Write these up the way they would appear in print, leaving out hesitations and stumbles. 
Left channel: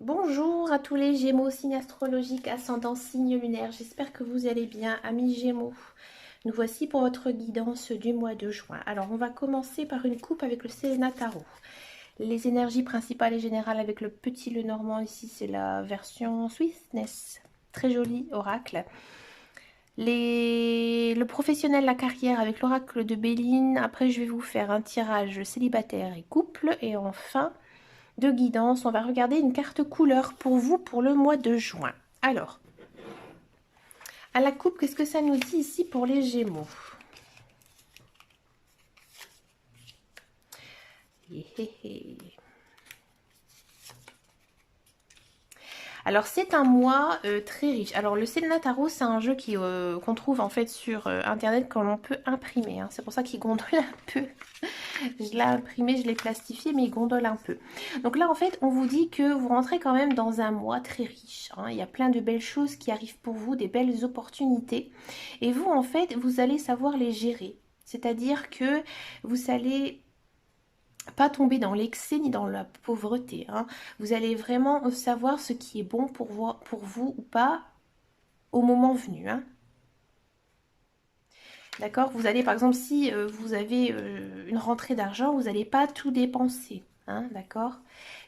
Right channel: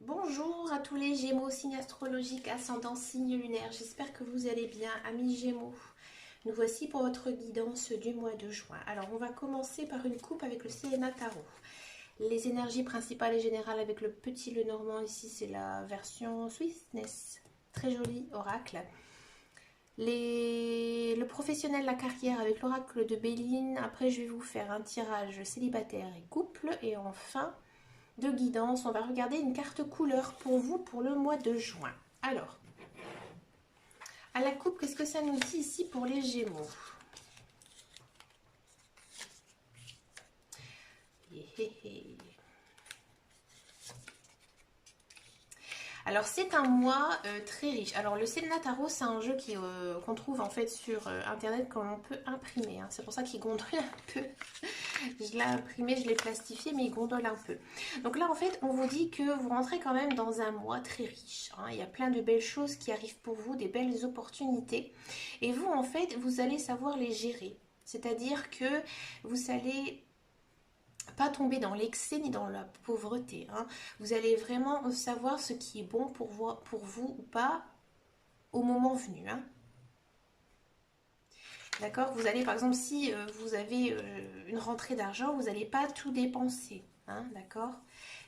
Bonjour à tous les Gémeaux, signe astrologique, ascendant, signe lunaire. J'espère que vous allez bien, amis Gémeaux. Nous voici pour votre guidance du mois de juin. Alors, on va commencer par une coupe avec le Séléna Tarot. Les énergies principales et générales avec le petit Lenormand. Ici, c'est la version Swissness. Très joli oracle. Le professionnel, la carrière avec l'oracle de Béline. Après, je vais vous faire un tirage célibataire et couple. Et enfin, de guidance, on va regarder une carte couleur pour vous pour le mois de juin. Alors, à la coupe, qu'est-ce que ça nous dit ici pour les Gémeaux? Alors c'est un mois très riche. Alors le Selena Tarot, c'est un jeu qu'on trouve en fait sur internet quand l'on peut imprimer, hein. C'est pour ça qu'il gondole un peu. Je l'ai imprimé, je l'ai plastifié, mais il gondole un peu. Donc là en fait, on vous dit que vous rentrez quand même dans un mois très riche, hein. Il y a plein de belles choses qui arrivent pour vous, des belles opportunités. Et vous en fait, vous allez savoir les gérer. C'est-à-dire que vous allez pas tomber dans l'excès ni dans la pauvreté, hein. Vous allez vraiment savoir ce qui est bon pour vous ou pas au moment venu, hein. D'accord. Vous allez, par exemple, si vous avez une rentrée d'argent, vous n'allez pas tout dépenser, hein, d'accord.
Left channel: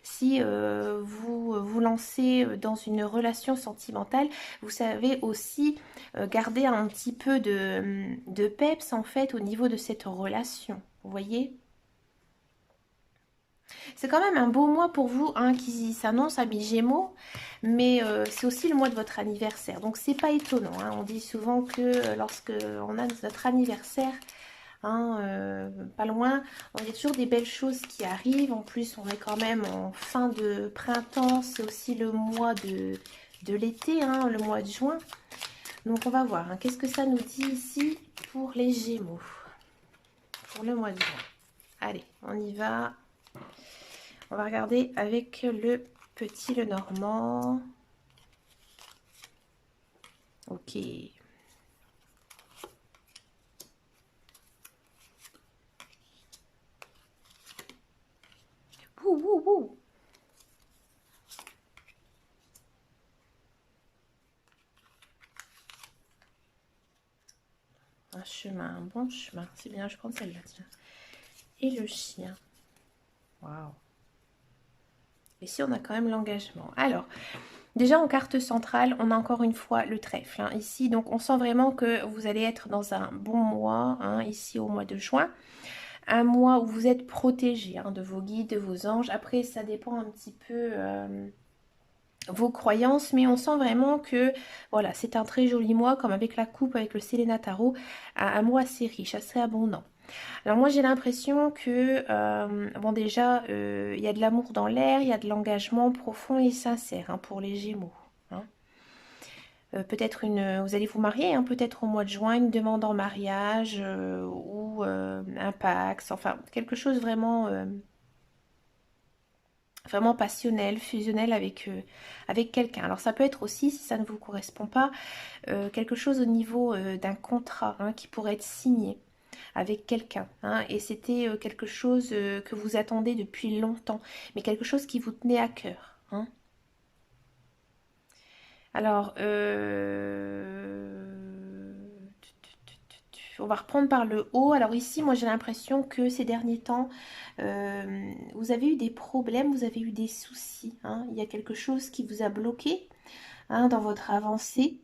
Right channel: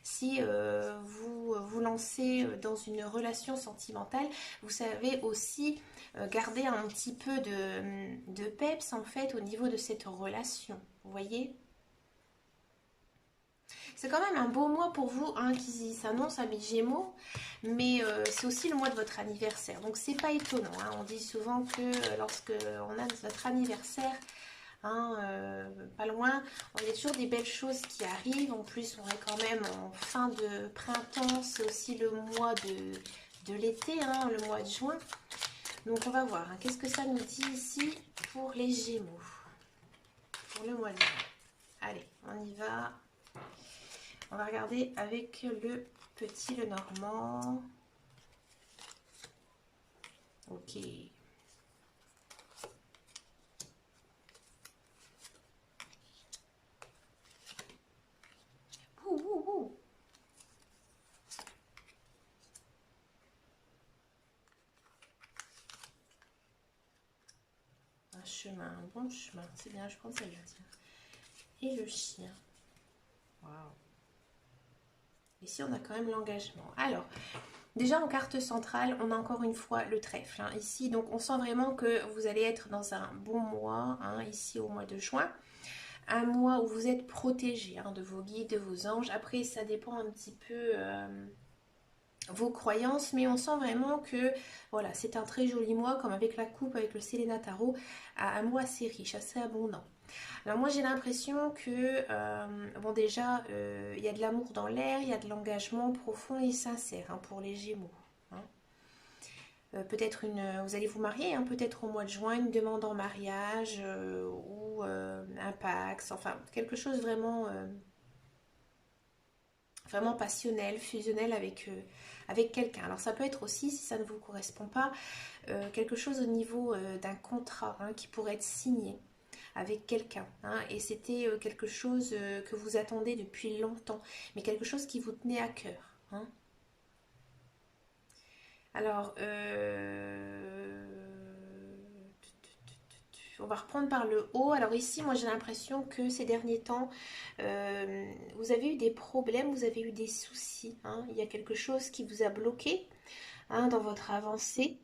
Si vous vous lancez dans une relation sentimentale, vous savez aussi garder un petit peu de peps, en fait, au niveau de cette relation. Vous voyez? C'est quand même un beau mois pour vous, hein, qui s'annonce à Gémeaux, mais c'est aussi le mois de votre anniversaire. Donc c'est pas étonnant, hein. On dit souvent que lorsque on a notre anniversaire, hein, pas loin, il y a toujours des belles choses qui arrivent. En plus, on est quand même en fin de printemps, c'est aussi le mois de l'été, hein, le mois de juin. Donc on va voir, hein, qu'est-ce que ça nous dit ici pour les Gémeaux, pour le mois de juin. Allez, on y va. On va regarder avec le petit Lenormand. Ok. Ouh, ouh, ouh. Un chemin, un bon chemin. C'est bien, je prends celle-là, tiens. Et le chien. Waouh. Ici, on a quand même l'engagement. Alors, déjà en carte centrale, on a encore une fois le trèfle, hein, ici. Donc, on sent vraiment que vous allez être dans un bon mois, hein, ici au mois de juin. Un mois où vous êtes protégé, hein, de vos guides, de vos anges. Après, ça dépend un petit peu vos croyances, mais on sent vraiment que voilà, c'est un très joli mois, comme avec la coupe, avec le Selena Tarot, un mois assez riche, assez abondant. Alors moi j'ai l'impression que, bon déjà, il y a de l'amour dans l'air, il y a de l'engagement profond et sincère, hein, pour les Gémeaux, hein. Peut-être vous allez vous marier, hein, peut-être au mois de juin, une demande en mariage ou un Pax, enfin quelque chose vraiment, vraiment passionnel, fusionnel avec quelqu'un. Alors ça peut être aussi, si ça ne vous correspond pas, quelque chose au niveau d'un contrat, hein, qui pourrait être signé avec quelqu'un, hein, et c'était quelque chose que vous attendez depuis longtemps, mais quelque chose qui vous tenait à cœur, hein. Alors, on va reprendre par le haut. Alors ici, moi j'ai l'impression que ces derniers temps, vous avez eu des problèmes, vous avez eu des soucis, hein. Il y a quelque chose qui vous a bloqué, hein, dans votre avancée.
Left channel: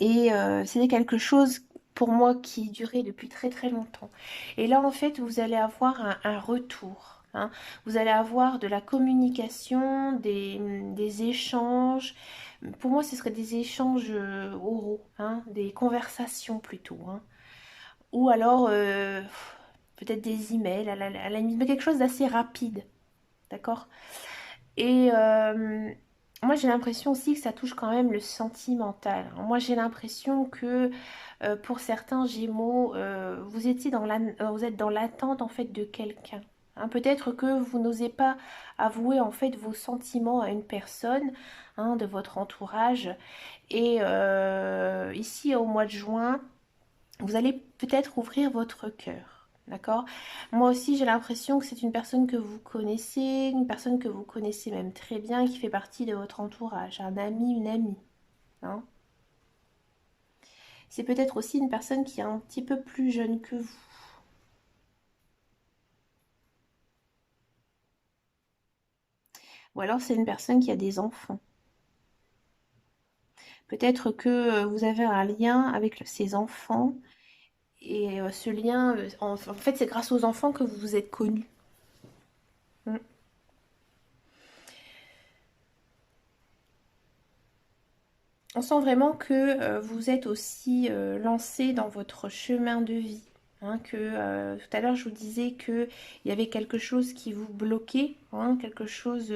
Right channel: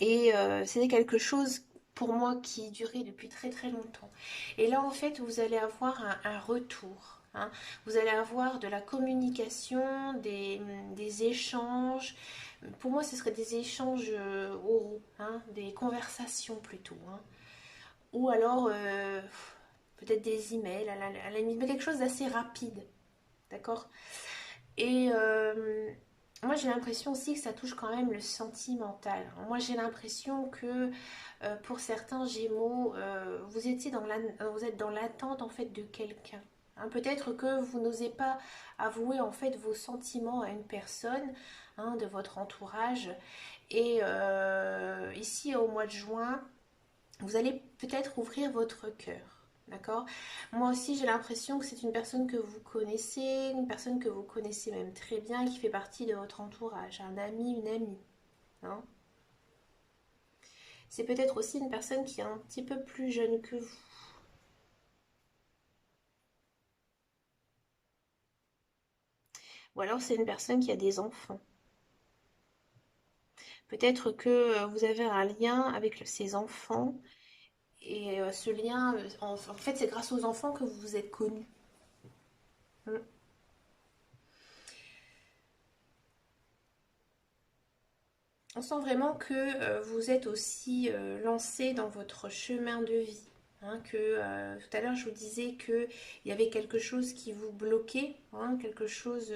Et c'était quelque chose pour moi qui durait depuis très très longtemps. Et là, en fait, vous allez avoir un retour, hein. Vous allez avoir de la communication, des échanges. Pour moi, ce serait des échanges oraux, hein, des conversations plutôt, hein. Ou alors peut-être des emails à la limite, mais quelque chose d'assez rapide, d'accord? Et moi, j'ai l'impression aussi que ça touche quand même le sentimental. Moi, j'ai l'impression que pour certains Gémeaux, vous êtes dans l'attente en fait de quelqu'un, hein. Peut-être que vous n'osez pas avouer en fait vos sentiments à une personne, hein, de votre entourage. Et ici, au mois de juin, vous allez peut-être ouvrir votre cœur. D'accord? Moi aussi, j'ai l'impression que c'est une personne que vous connaissez, une personne que vous connaissez même très bien, qui fait partie de votre entourage, un ami, une amie. Hein. C'est peut-être aussi une personne qui est un petit peu plus jeune que vous. Ou alors c'est une personne qui a des enfants. Peut-être que vous avez un lien avec ses enfants. Et ce lien, en fait, c'est grâce aux enfants que vous vous êtes connus. Mm. On sent vraiment que vous êtes aussi lancé dans votre chemin de vie. Hein, que tout à l'heure je vous disais que il y avait quelque chose qui vous bloquait, hein, quelque chose,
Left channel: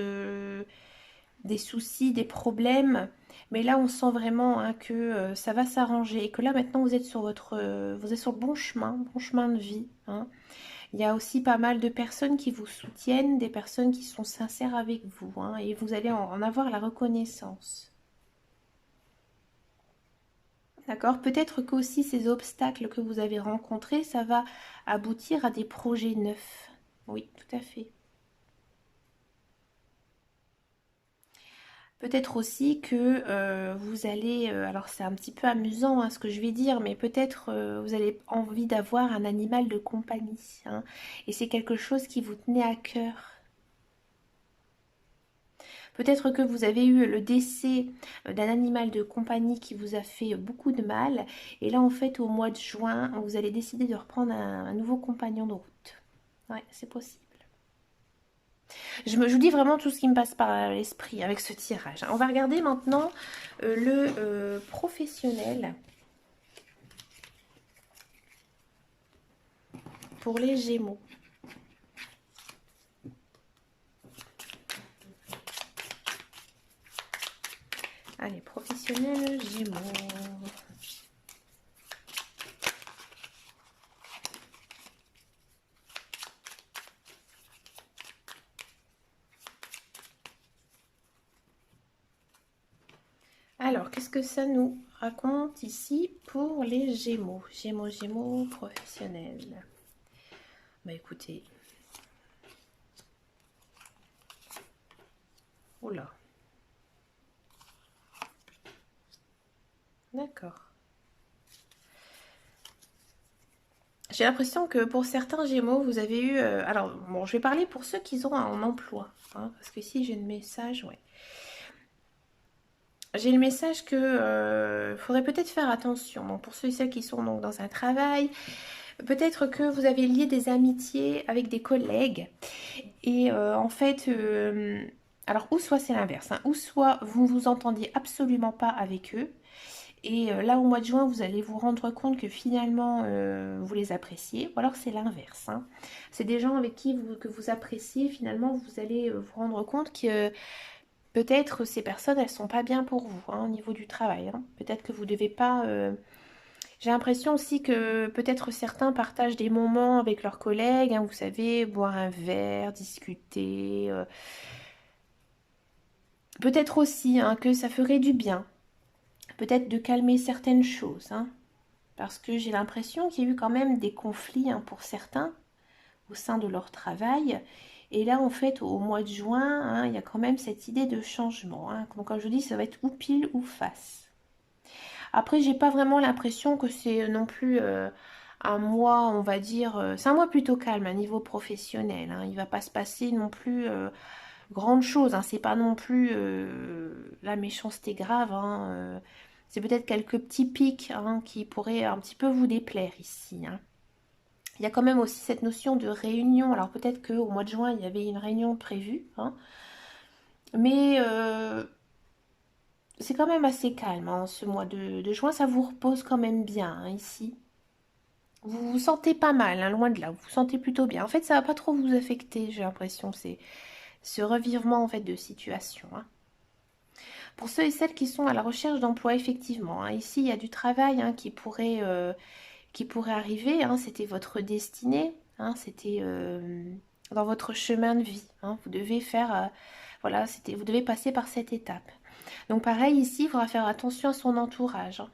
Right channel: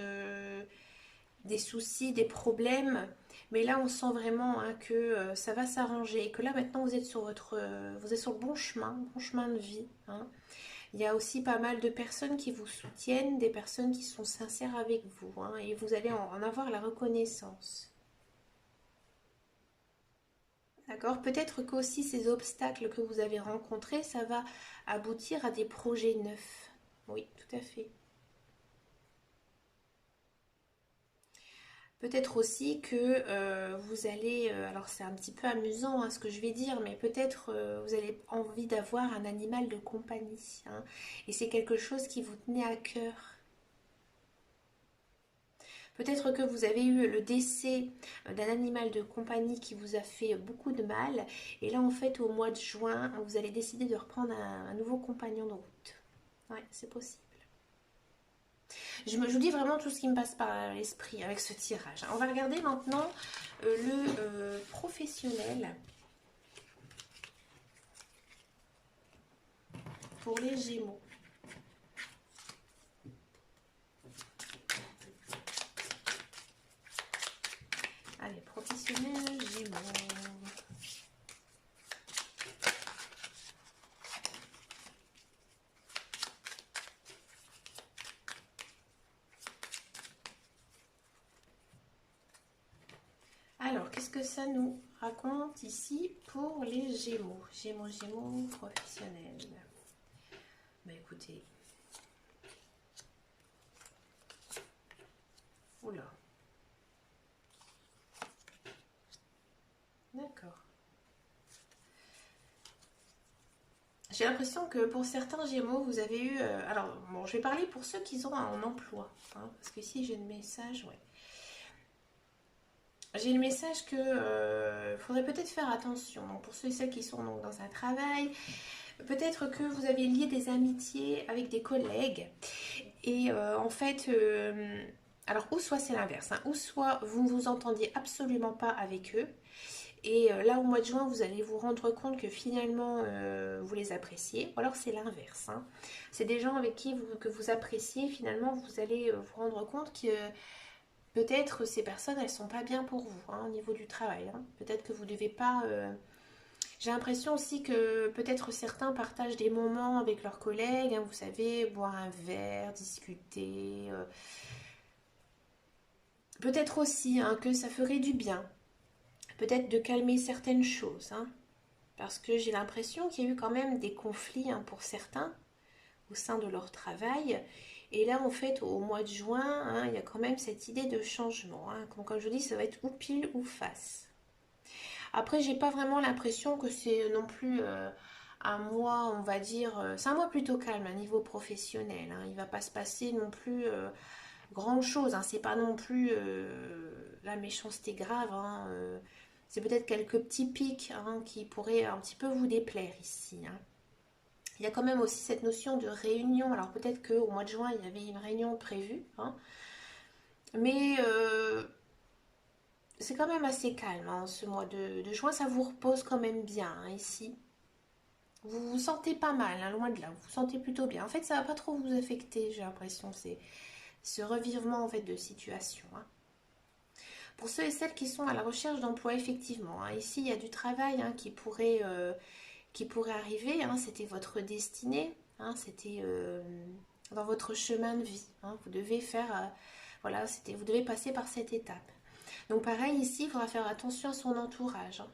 des soucis, des problèmes. Mais là, on sent vraiment hein, que ça va s'arranger et que là maintenant vous êtes sur vous êtes sur le bon chemin de vie. Hein. Il y a aussi pas mal de personnes qui vous soutiennent, des personnes qui sont sincères avec vous, hein, et vous allez en avoir la reconnaissance. D'accord? Peut-être qu'aussi ces obstacles que vous avez rencontrés, ça va aboutir à des projets neufs. Oui, tout à fait. Peut-être aussi que vous allez, alors c'est un petit peu amusant hein, ce que je vais dire, mais peut-être vous avez envie d'avoir un animal de compagnie. Hein, et c'est quelque chose qui vous tenait à cœur. Peut-être que vous avez eu le décès d'un animal de compagnie qui vous a fait beaucoup de mal. Et là, en fait, au mois de juin, vous allez décider de reprendre un nouveau compagnon de route. Ouais, c'est possible. Je vous dis vraiment tout ce qui me passe par l'esprit avec ce tirage. On va regarder maintenant le professionnel pour les Gémeaux. Allez, professionnel Gémeaux. Alors, qu'est-ce que ça nous raconte ici pour les Gémeaux? Gémeaux, Gémeaux, professionnels. Bah écoutez. Oula. D'accord. J'ai l'impression que pour certains Gémeaux, vous avez eu... alors, bon, je vais parler pour ceux qui ont un emploi. Hein, parce que ici, j'ai le message, ouais. J'ai le message que faudrait peut-être faire attention. Donc, pour ceux et celles qui sont donc dans un travail, peut-être que vous avez lié des amitiés avec des collègues. Et en fait, alors, ou soit c'est l'inverse, hein, ou soit vous ne vous entendiez absolument pas avec eux. Et là, au mois de juin, vous allez vous rendre compte que finalement, vous les appréciez. Ou alors, c'est l'inverse. Hein. C'est des gens avec qui que vous appréciez. Finalement, vous allez vous rendre compte que peut-être ces personnes, elles sont pas bien pour vous hein, au niveau du travail. Hein. Peut-être que vous devez pas... J'ai l'impression aussi que peut-être certains partagent des moments avec leurs collègues. Hein, vous savez, boire un verre, discuter. Peut-être aussi hein, que ça ferait du bien. Peut-être de calmer certaines choses. Hein. Parce que j'ai l'impression qu'il y a eu quand même des conflits hein, pour certains au sein de leur travail. Et là, en fait, au mois de juin, hein, il y a quand même cette idée de changement. Hein. Donc, comme je dis, ça va être ou pile ou face. Après, j'ai pas vraiment l'impression que c'est non plus un mois, on va dire, c'est un mois plutôt calme à niveau professionnel. Hein. Il va pas se passer non plus grande chose. Hein. C'est pas non plus la méchanceté grave. Hein. C'est peut-être quelques petits pics hein, qui pourraient un petit peu vous déplaire ici. Hein. Il y a quand même aussi cette notion de réunion. Alors peut-être qu'au mois de juin, il y avait une réunion prévue. Hein, mais c'est quand même assez calme. Hein, ce mois de juin, ça vous repose quand même bien hein, ici. Vous vous sentez pas mal, hein, loin de là. Vous vous sentez plutôt bien. En fait, ça va pas trop vous affecter, j'ai l'impression. C'est ce revirement en fait de situation. Hein. Pour ceux et celles qui sont à la recherche d'emploi, effectivement, hein, ici il y a du travail hein, qui pourrait arriver. Hein, c'était votre destinée, hein, c'était dans votre chemin de vie. Hein, vous devez faire, voilà, vous devez passer par cette étape. Donc pareil ici, il faudra faire attention à son entourage. Hein,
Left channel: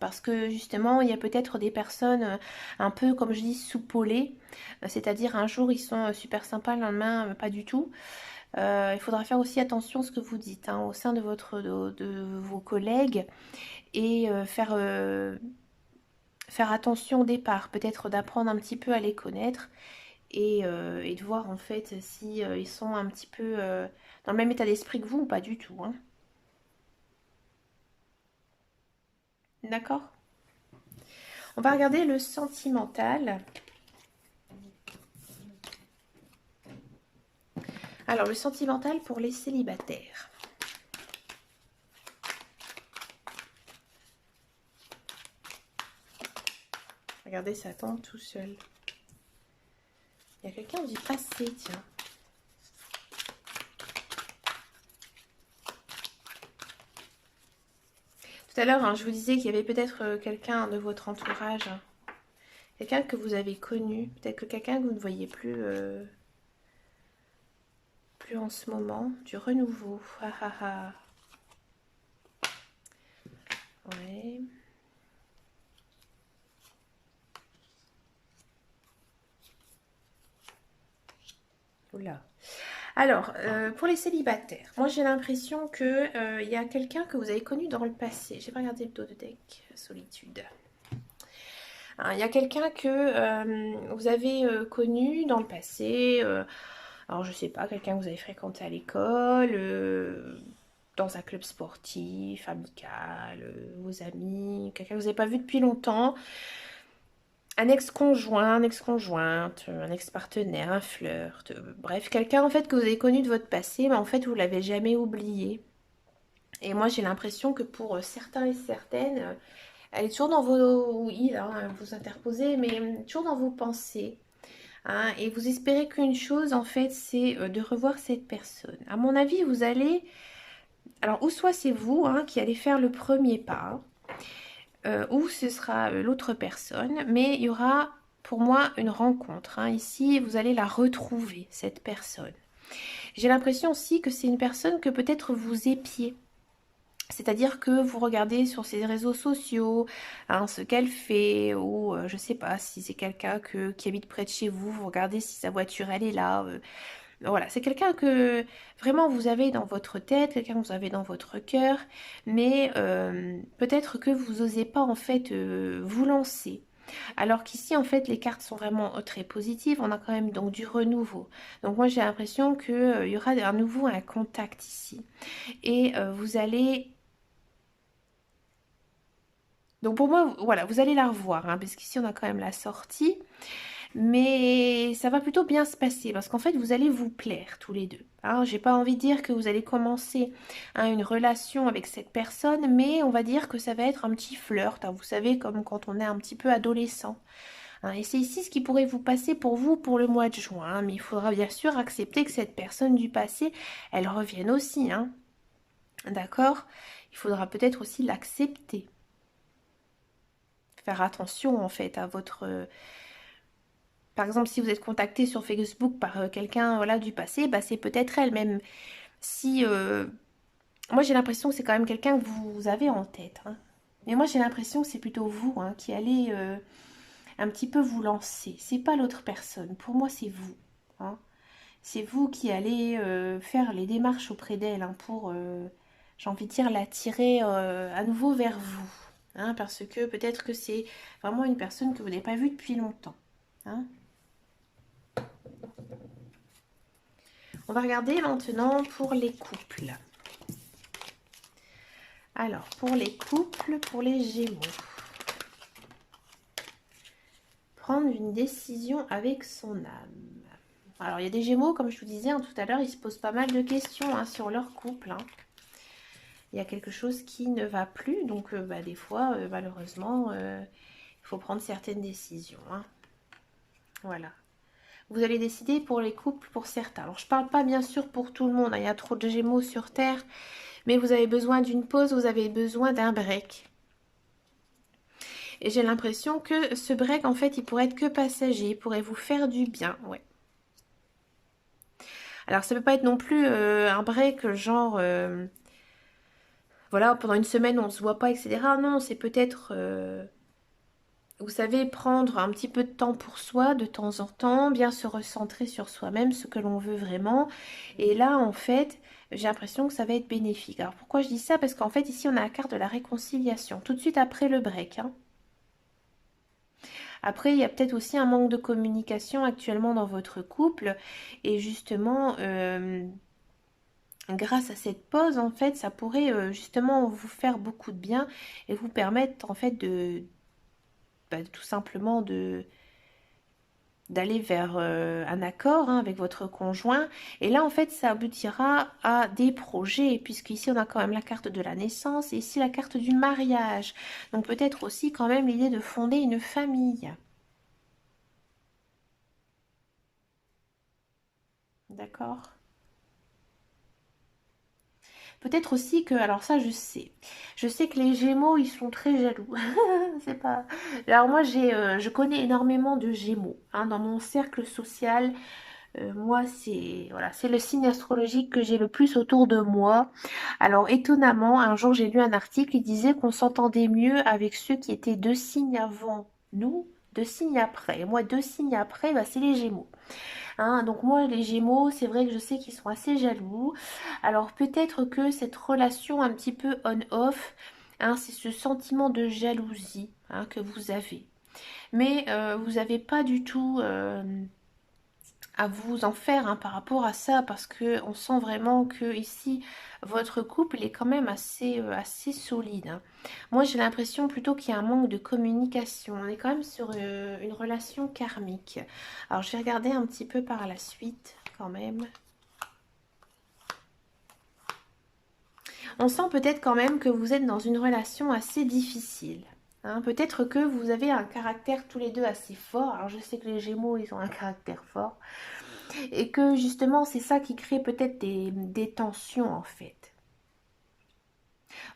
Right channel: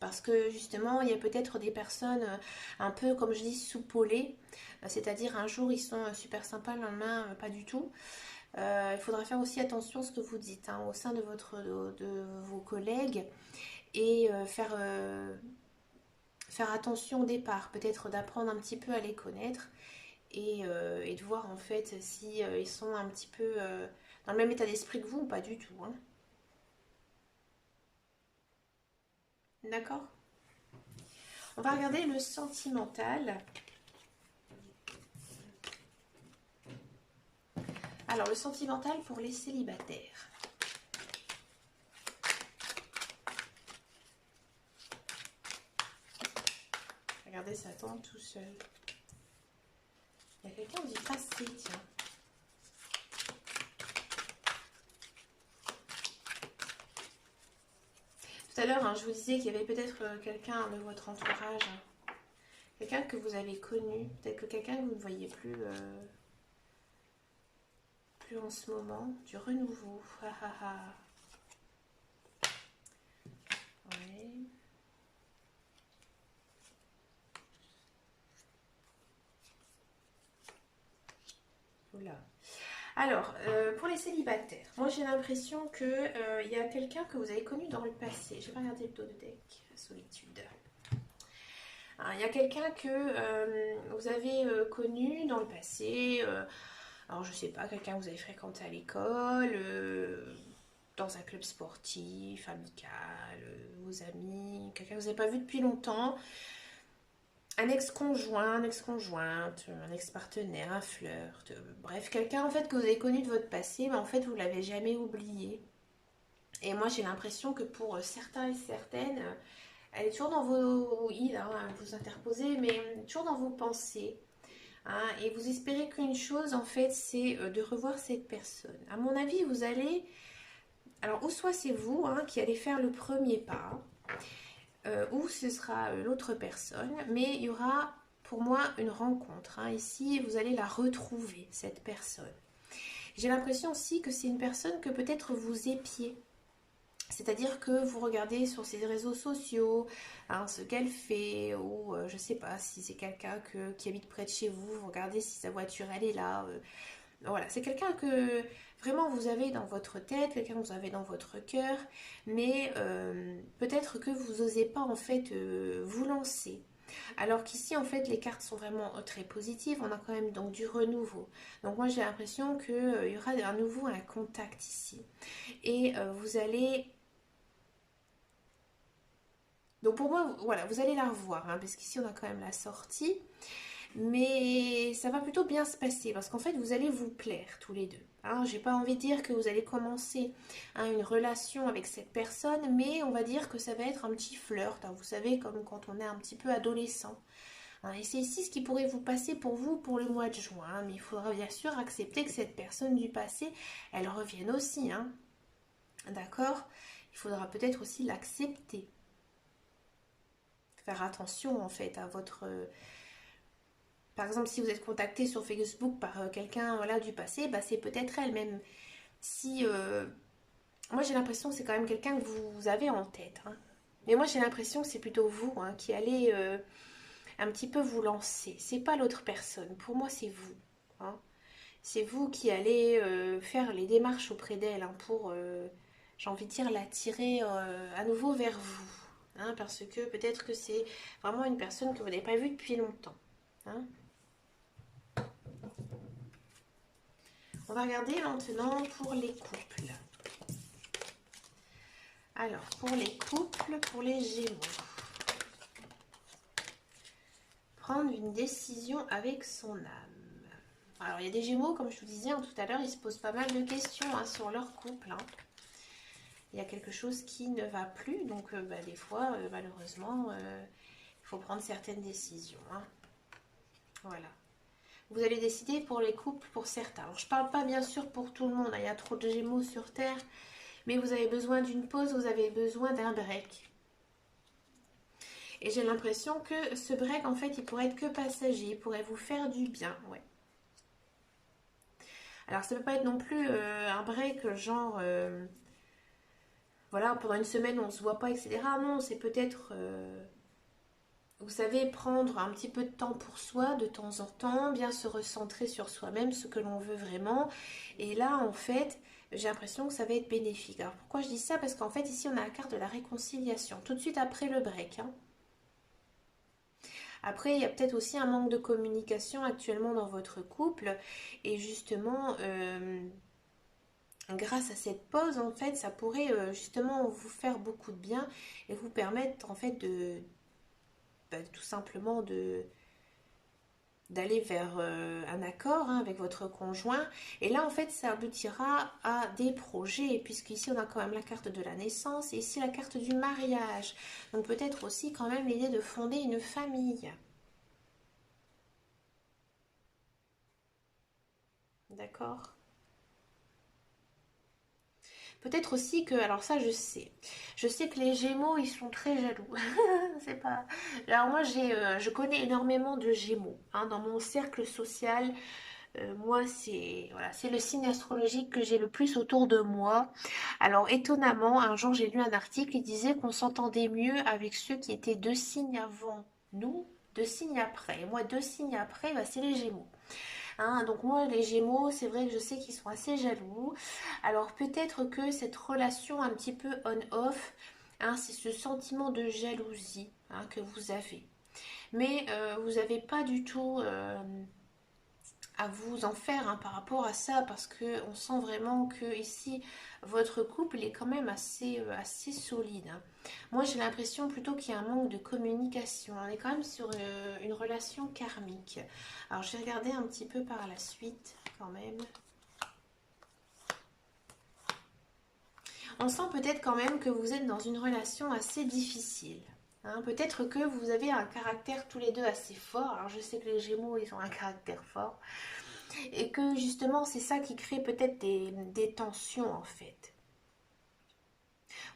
Parce que justement, il y a peut-être des personnes un peu, comme je dis, soupolées. C'est-à-dire un jour ils sont super sympas, le lendemain pas du tout. Il faudra faire aussi attention à ce que vous dites hein, au sein de, de vos collègues et faire attention au départ, peut-être d'apprendre un petit peu à les connaître et de voir en fait si ils sont un petit peu dans le même état d'esprit que vous ou pas du tout. Hein. D'accord? On va regarder le sentimental. Alors, le sentimental pour les célibataires. Regardez, ça tombe tout seul. Il y a quelqu'un du passé, tiens. Tout à l'heure, hein, je vous disais qu'il y avait peut-être quelqu'un de votre entourage. Hein. Quelqu'un que vous avez connu. Peut-être que quelqu'un que vous ne voyez plus, plus en ce moment. Du renouveau. Ah, ah, ah. Ouais. Oula. Alors, pour les célibataires, moi j'ai l'impression que il y a quelqu'un que vous avez connu dans le passé. J'ai pas regardé le dos de deck, solitude. Alors, il y a quelqu'un que vous avez connu dans le passé. Alors je sais pas, quelqu'un que vous avez fréquenté à l'école, dans un club sportif, amical, vos amis, quelqu'un que vous n'avez pas vu depuis longtemps. Un ex-conjoint, une ex-conjointe, un ex-partenaire, un flirt, bref, quelqu'un en fait que vous avez connu de votre passé, mais en fait vous l'avez jamais oublié. Et moi j'ai l'impression que pour certains et certaines, elle est toujours dans vos... Oui, là, hein, vous interposez, mais toujours dans vos pensées. Hein, et vous espérez qu'une chose, en fait, c'est de revoir cette personne. À mon avis, vous allez... Alors, ou soit c'est vous hein, qui allez faire le premier pas, ou ce sera l'autre personne, mais il y aura pour moi une rencontre. Hein. Ici, vous allez la retrouver, cette personne. J'ai l'impression aussi que c'est une personne que peut-être vous épiez. C'est-à-dire que vous regardez sur ses réseaux sociaux hein, ce qu'elle fait, ou je sais pas, si c'est quelqu'un qui habite près de chez vous, vous regardez si sa voiture elle est là. Voilà, c'est quelqu'un que vraiment vous avez dans votre tête, quelqu'un que vous avez dans votre cœur, mais peut-être que vous n'osez pas en fait vous lancer. Alors qu'ici en fait les cartes sont vraiment très positives, on a quand même donc du renouveau. Donc moi j'ai l'impression qu'il y aura à nouveau un contact ici. Et vous allez donc pour moi, voilà, vous allez la revoir, hein, parce qu'ici on a quand même la sortie, mais ça va plutôt bien se passer, parce qu'en fait vous allez vous plaire tous les deux. Hein. J'ai pas envie de dire que vous allez commencer hein, une relation avec cette personne, mais on va dire que ça va être un petit flirt, hein, vous savez, comme quand on est un petit peu adolescent. Hein. Et c'est ici ce qui pourrait vous passer pour vous pour le mois de juin, hein, mais il faudra bien sûr accepter que cette personne du passé, elle revienne aussi, hein. D'accord? Il faudra peut-être aussi l'accepter. Faire attention en fait à votre... par exemple, si vous êtes contacté sur Facebook par quelqu'un voilà, du passé, bah, c'est peut-être elle même. Si... moi j'ai l'impression que c'est quand même quelqu'un que vous avez en tête. Hein. Mais moi j'ai l'impression que c'est plutôt vous hein, qui allez un petit peu vous lancer. C'est pas l'autre personne. Pour moi c'est vous. Hein. C'est vous qui allez faire les démarches auprès d'elle hein, pour, j'ai envie de dire, l'attirer à nouveau vers vous. Hein, parce que peut-être que c'est vraiment une personne que vous n'avez pas vue depuis longtemps. Hein. On va regarder maintenant pour les couples. Alors, pour les couples, pour les Gémeaux. Prendre une décision avec son âme. Alors, il y a des Gémeaux, comme je vous disais hein, tout à l'heure, ils se posent pas mal de questions hein, sur leur couple. Hein. Il y a quelque chose qui ne va plus, donc bah, des fois, malheureusement, il faut prendre certaines décisions. Hein. Voilà. Vous allez décider pour les couples, pour certains. Alors, je ne parle pas bien sûr pour tout le monde, hein, il y a trop de Gémeaux sur Terre, mais vous avez besoin d'une pause, vous avez besoin d'un break. Et j'ai l'impression que ce break, en fait, il pourrait être que passager, il pourrait vous faire du bien, ouais. Alors, ça ne peut pas être non plus un break genre... voilà, pendant une semaine on se voit pas, etc. Non, c'est peut-être, vous savez, prendre un petit peu de temps pour soi de temps en temps, bien se recentrer sur soi-même, ce que l'on veut vraiment. Et là, en fait, j'ai l'impression que ça va être bénéfique. Alors pourquoi je dis ça? Parce qu'en fait, ici, on a la carte de la réconciliation, tout de suite après le break, hein. Après, il y a peut-être aussi un manque de communication actuellement dans votre couple. Et justement, grâce à cette pause, en fait, ça pourrait justement vous faire beaucoup de bien et vous permettre, en fait, tout simplement d'aller vers un accord, hein, avec votre conjoint. Et là, en fait, ça aboutira à des projets, puisqu'ici, on a quand même la carte de la naissance et ici la carte du mariage. Donc peut-être aussi quand même l'idée de fonder une famille. D'accord? Peut-être aussi que, alors ça je sais que les Gémeaux ils sont très jaloux. C'est pas. Alors moi je connais énormément de Gémeaux, hein, dans mon cercle social. Moi c'est voilà, c'est le signe astrologique que j'ai le plus autour de moi. Alors étonnamment, un jour j'ai lu un article qui disait qu'on s'entendait mieux avec ceux qui étaient 2 signes avant nous, 2 signes après. Et moi 2 signes après, bah, c'est les Gémeaux. Hein, donc moi, les Gémeaux, c'est vrai que je sais qu'ils sont assez jaloux. Alors peut-être que cette relation un petit peu on-off, hein, c'est ce sentiment de jalousie, hein, que vous avez. Mais vous n'avez pas du tout à vous en faire, hein, par rapport à ça, parce que on sent vraiment que ici, votre couple est quand même assez solide, hein. Moi, j'ai l'impression plutôt qu'il y a un manque de communication. On est quand même sur une relation karmique. Alors, je vais regarder un petit peu par la suite, quand même. On sent peut-être quand même que vous êtes dans une relation assez difficile, hein. Peut-être que vous avez un caractère tous les deux assez fort. Alors, je sais que les Gémeaux, ils ont un caractère fort. Et que justement, c'est ça qui crée peut-être des tensions en fait.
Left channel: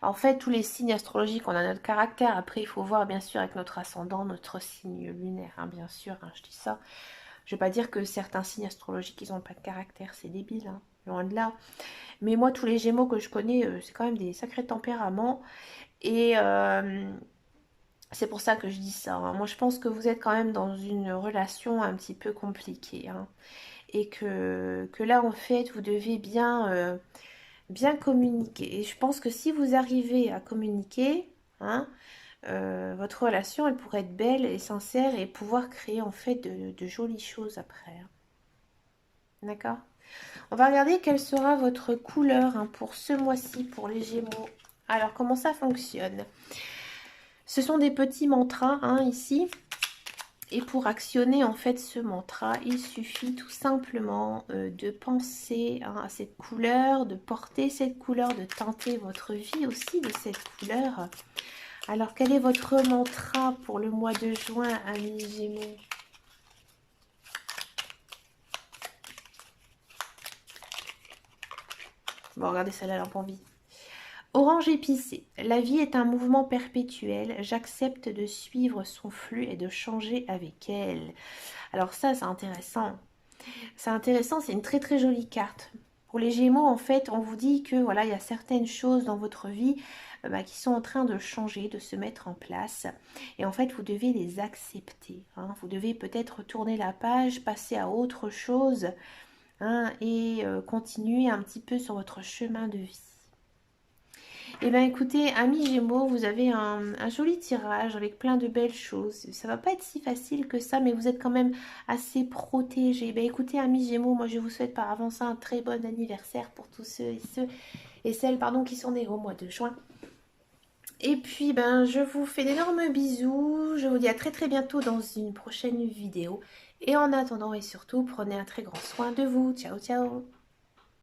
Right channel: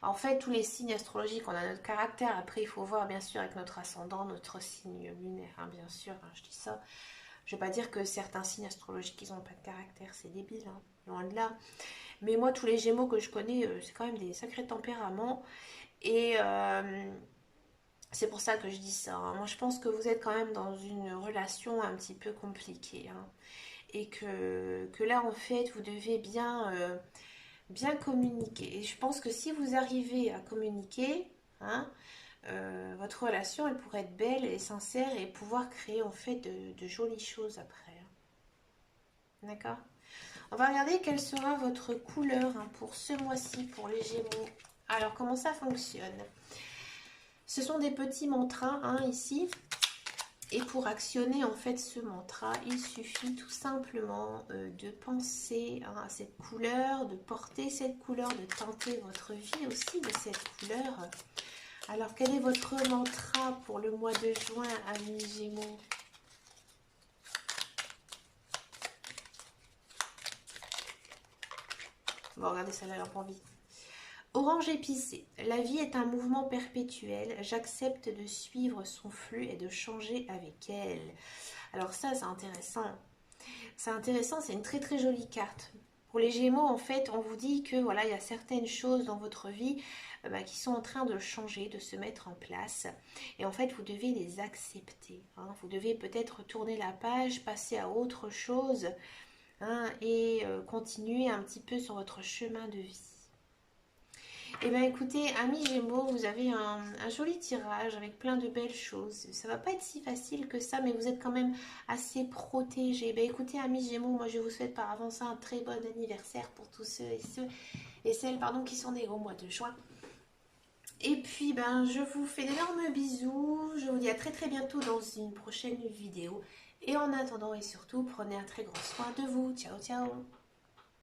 En fait, tous les signes astrologiques, on a notre caractère. Après, il faut voir bien sûr avec notre ascendant, notre signe lunaire, hein, bien sûr, hein, je dis ça. Je ne vais pas dire que certains signes astrologiques, ils n'ont pas de caractère, c'est débile, hein, loin de là. Mais moi, tous les Gémeaux que je connais, c'est quand même des sacrés tempéraments. Et c'est pour ça que je dis ça, hein. Moi, je pense que vous êtes quand même dans une relation un petit peu compliquée, hein. Et que là, en fait, vous devez bien communiquer. Et je pense que si vous arrivez à communiquer, hein, votre relation, elle pourrait être belle et sincère et pouvoir créer en fait de jolies choses après, hein. D'accord? On va regarder quelle sera votre couleur, hein, pour ce mois-ci, pour les Gémeaux. Alors, comment ça fonctionne? Ce sont des petits mantras, hein, ici. Et pour actionner en fait ce mantra, il suffit tout simplement de penser, hein, à cette couleur, de porter cette couleur, de tenter votre vie aussi de cette couleur. Alors quel est votre mantra pour le mois de juin, amis Gémeaux? Bon, regardez ça, la lampe en vie. Orange épicé. La vie est un mouvement perpétuel. J'accepte de suivre son flux et de changer avec elle. Alors ça, c'est intéressant. C'est intéressant, c'est une très très jolie carte. Pour les Gémeaux, en fait, on vous dit que voilà, il y a certaines choses dans votre vie qui sont en train de changer, de se mettre en place. Et en fait, vous devez les accepter, hein. Vous devez peut-être tourner la page, passer à autre chose, hein, et continuer un petit peu sur votre chemin de vie. Eh bien écoutez, amis Gémeaux, vous avez un joli tirage avec plein de belles choses. Ça va pas être si facile que ça, mais vous êtes quand même assez protégés. Eh bien écoutez, amis Gémeaux, moi je vous souhaite par avance un très bon anniversaire pour tous ceux et celles, pardon, qui sont nés au mois de juin. Et puis ben je vous fais d'énormes bisous. Je vous dis à très très bientôt dans une prochaine vidéo. Et en attendant et surtout, prenez un très grand soin de vous. Ciao ciao.